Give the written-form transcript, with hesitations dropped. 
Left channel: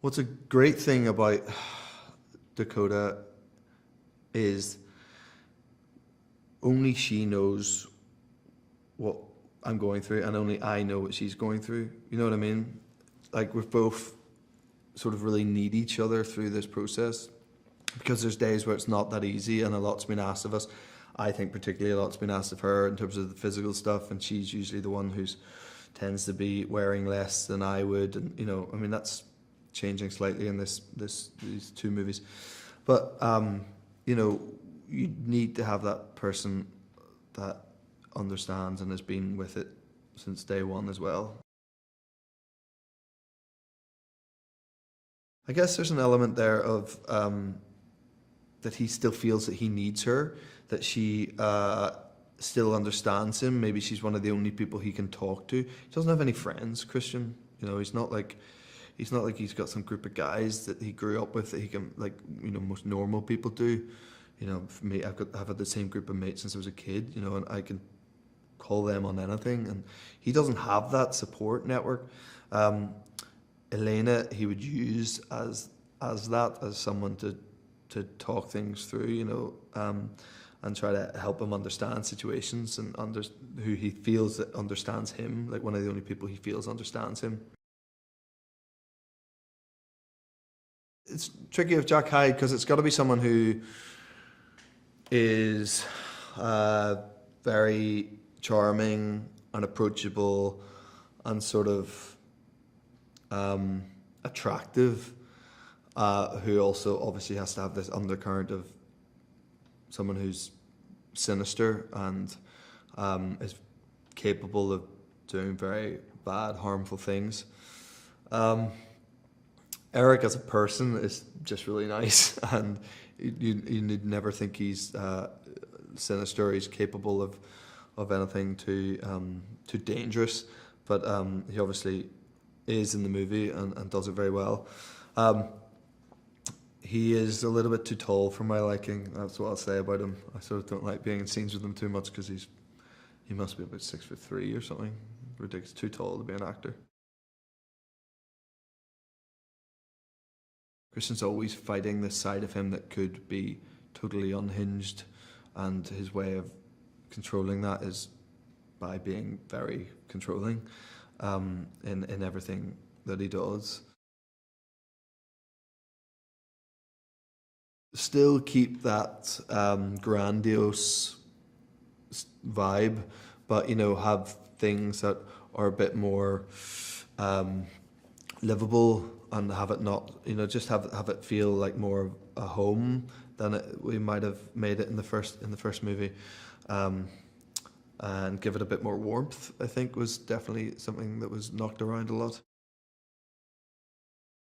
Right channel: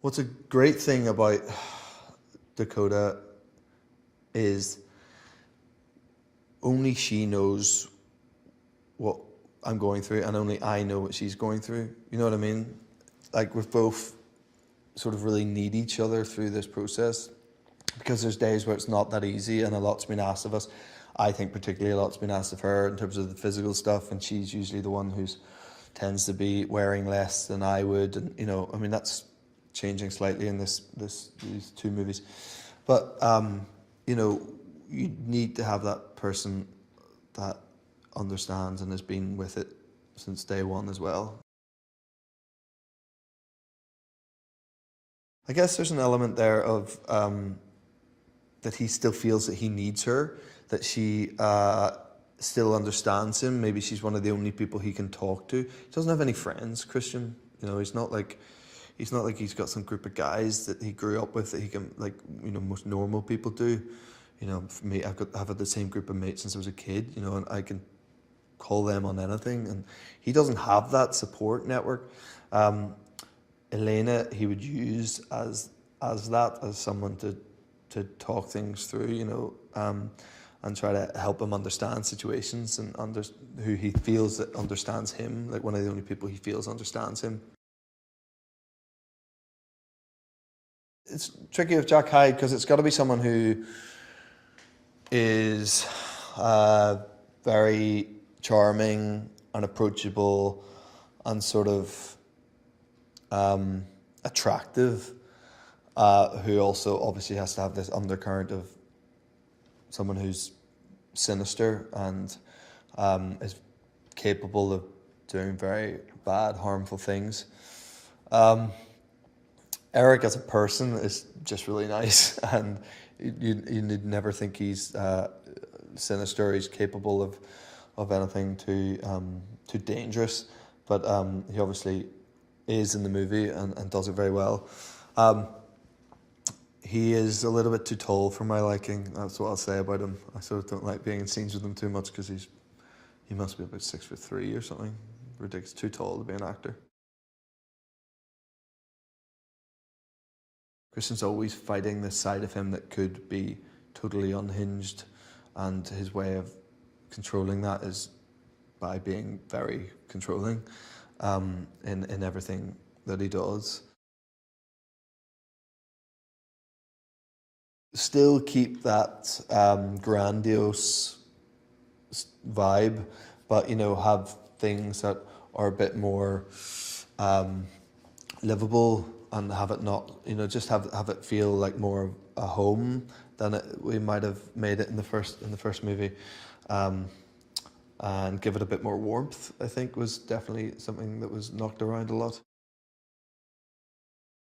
What's a great thing about Dakota is only she knows what I'm going through, and only I know what she's going through. You know what I mean? Like, we've both sort of really need each other through this process, because there's days where it's not that easy, and a lot's been asked of us. I think particularly a lot's been asked of her in terms of the physical stuff, and she's usually the one who's tends to be wearing less than I would, and I mean, that's changing slightly in these two movies, but you need to have that person that understands and has been with it since day one as well. I guess there's an element there of that he still feels that he needs her, that she still understands him. Maybe she's one of the only people he can talk to. He doesn't have any friends, Christian. He's not like he's got some group of guys that he grew up with that he can, like, most normal people do. For me, I've had the same group of mates since I was a kid, and I can call them on anything, and he doesn't have that support network. Elena, he would use as someone to talk things through, and try to help him understand situations, and who he feels that understands him, like one of the only people he feels understands him. It's tricky with Jack Hyde because it's got to be someone who is very charming and approachable and sort of attractive, who also obviously has to have this undercurrent of someone who's sinister and is capable of doing very bad, harmful things. Eric as a person is just really nice, and you'd never think he's sinister. He's capable of anything too dangerous, but he obviously is in the movie and does it very well. He is a little bit too tall for my liking. That's what I'll say about him. I sort of don't like being in scenes with him too much because he must be about 6'3" or something. Ridiculous, too tall to be an actor. Christian's always fighting this side of him that could be totally unhinged, and his way of controlling that is by being very controlling in everything that he does. Still keep that grandiose vibe, but have things that are a bit more livable, and have it not, just have it feel like more of a home than we might have made it in the first movie, and give it a bit more warmth. I think was definitely something that was knocked around a lot.